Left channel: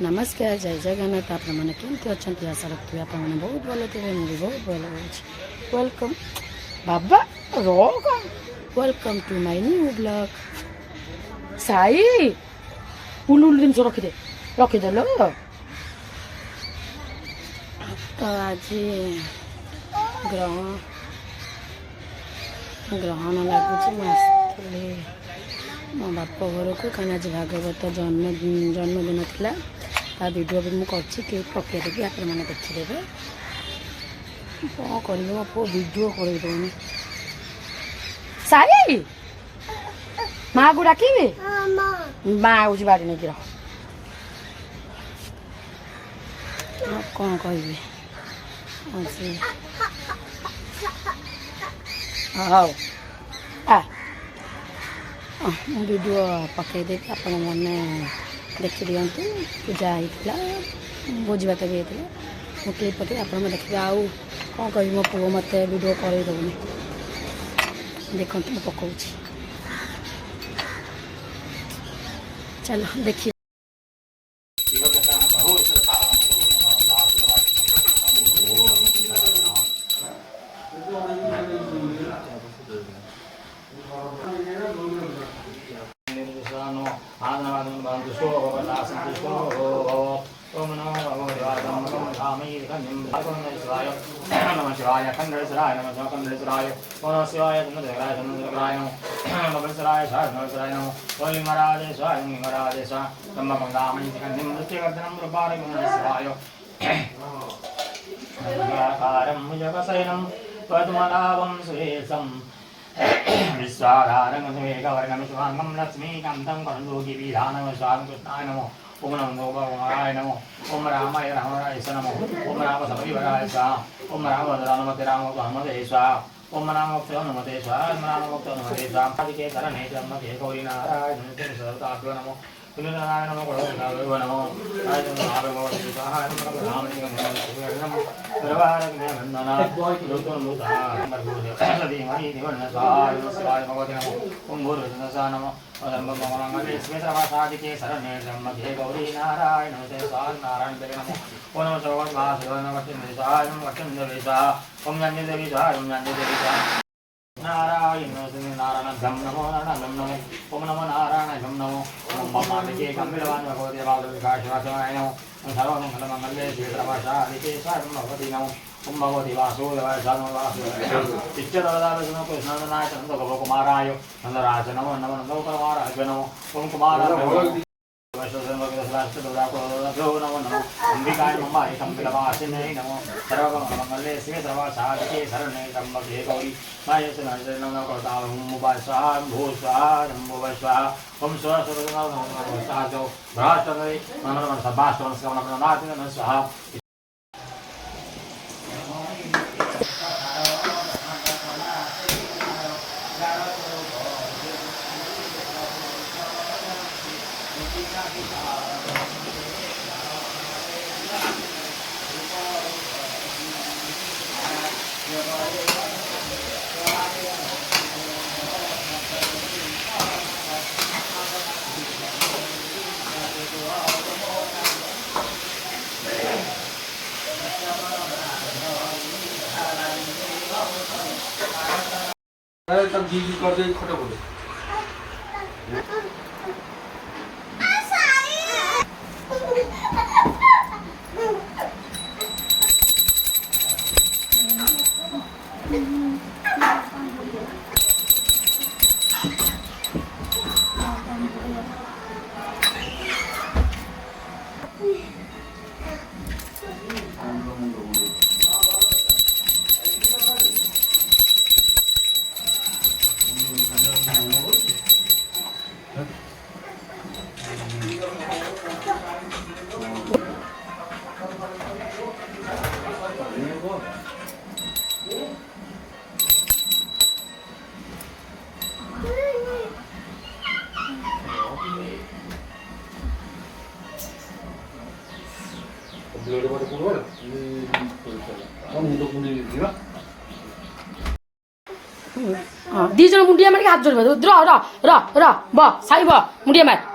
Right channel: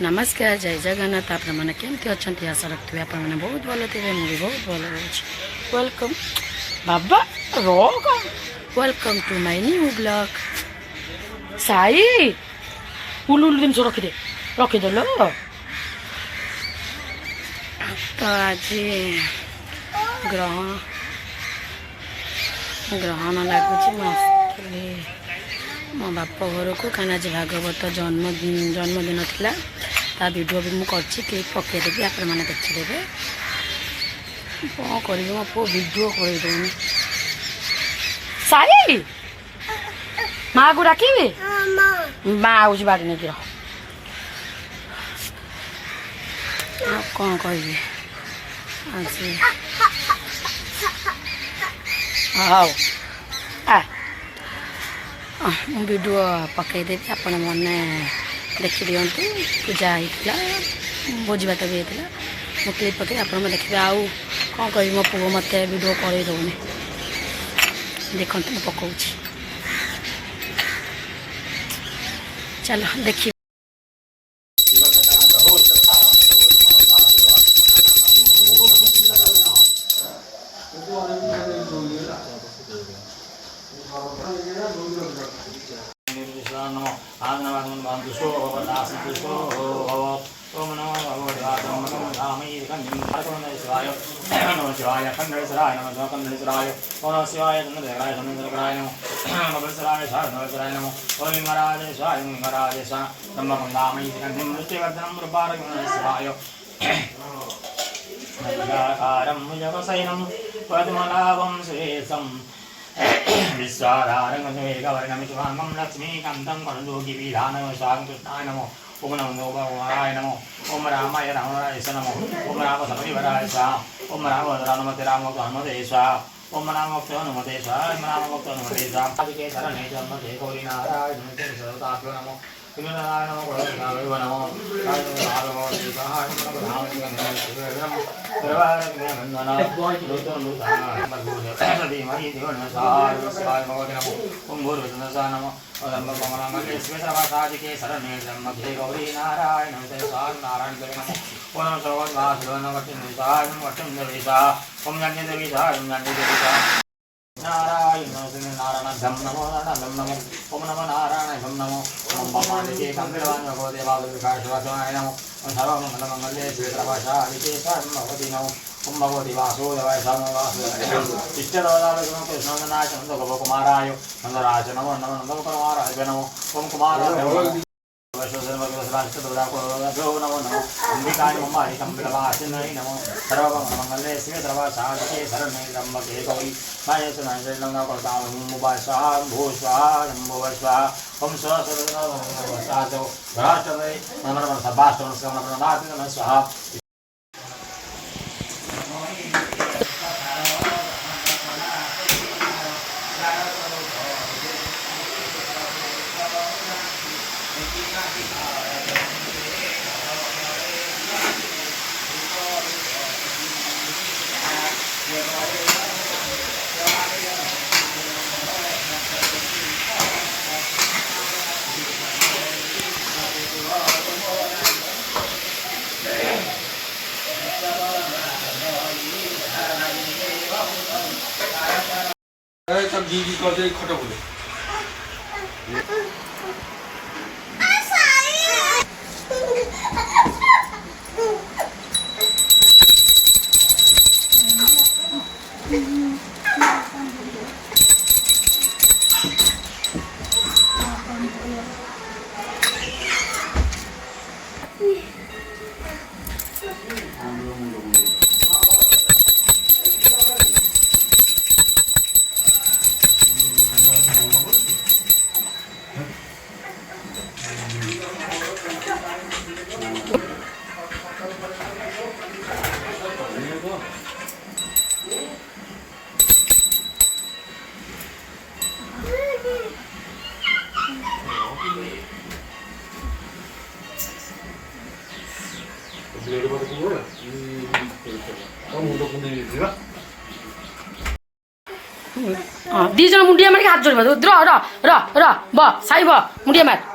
नमस्कार जय जगन्नाथ आपने केमती अच्छा आशा रखिए आपने बहुत भल थे मुझे बहुत भल अच्छी वेलकम बाबा रोग welcome to my new blog साई उलू उलू जिन रखीदेल तो आज ग्रहण लगुच मुझे मो बाप घर को कहीं आज भागवत जन्मदिन था ता वीडियो भी मुझे केक पकईदेवी आप देखीदे कौन कर मो पु वीडियो करदे साई माँ को डाक माँ आऊँ बाड़ी नहीं रह कौन कह हाँ वीडियो पकईदेवी आपण मैंने देखी दिंतु पूजा होता भोजी भात भी होता मो क्लिप पकई आप देखिए आउ कौन कह मो पुओ मत वीडियो कर दौनी देखते मुझे पकाऊँ चलो देखिए ओम नमो भगवते नमो धामये शिवाय नमः शिवाय खंडेश्वराय नमः खंडेश्वराय ओम शिवाय चंद्रशेखराय चंद्रशेखराय नमः भगवत्सराय भगवत्सराय नमः ओम लिंगराज स्वाय लिंगराज सा नमः धामये खंडं मृत्युवर्धनं रूपारकं शिवाय नमस्कारं मुजवसैनं पद्मनाभं सुरेशं विश्वाधारं मेघवर्गं शुभांगं लक्ष्मीकान्तं करुणोगिविधानं स्वागं कृष्णाय नमो ओम नमो भगवानाय नमो ओम रामाय रामाय नमो ओम राम सपरिवाराय स्वाहा ओम राम रामते राम हनुमते स्वाहा ओम राम हनुमते स्वाहा ओम राम हनुमते स्वाहा आदिके शरणे जन्मते गौरी नारायण नमो सर्वताभ्यो नमो नारायण नमो गुरुदेव नमो भगवते स्वाहा नमो राम नमो वंदना लोतो लोता धीमहि दिवन्न स्वाहा शिवाय भगवते नमो ओम गुरुदेव नमो मंगले श्वेतवासादिके शरणे जन्मते गौरी नारायण नमो नारायण देवे नमो ओम नमो भगवते वासुदेवाय नमो वट्टं देवी स्वाहा ओम ज्ञानी देवी स्वाहा ओम ज्ञानी देवी स्वाहा नारायण नारायण नमो नारायण नमो ओम नमो नारायण नमो ओम मालिके कंबिरवान भगवते वासुदेवाय नमो ओम सर्वमंगलमंगले श्वेतवासादिके शरणं भगवती नमो ओम भगवती वासुदेवाय नमो वासुदेवाय इष्टदेवताय नमो कृष्णाय नमो गोपकुमाराय नंदराज नमो नमो नंदकुमाराय नमो ओम कुमाराय नमो नमो अंबिकाय नमो कंबिलवासिन्यै नमो सर्वमंगले श्वेतवासादिके शरणे त्र्यंबके गौरी नारायणे नमो स्वाहा भू स्वाहा शंभो स्वाहा ओम स्वाहा तब दीदी कर दे खटो बोले दीज मुंडिया मार हाथ जोड़ र साई मुंडिया मार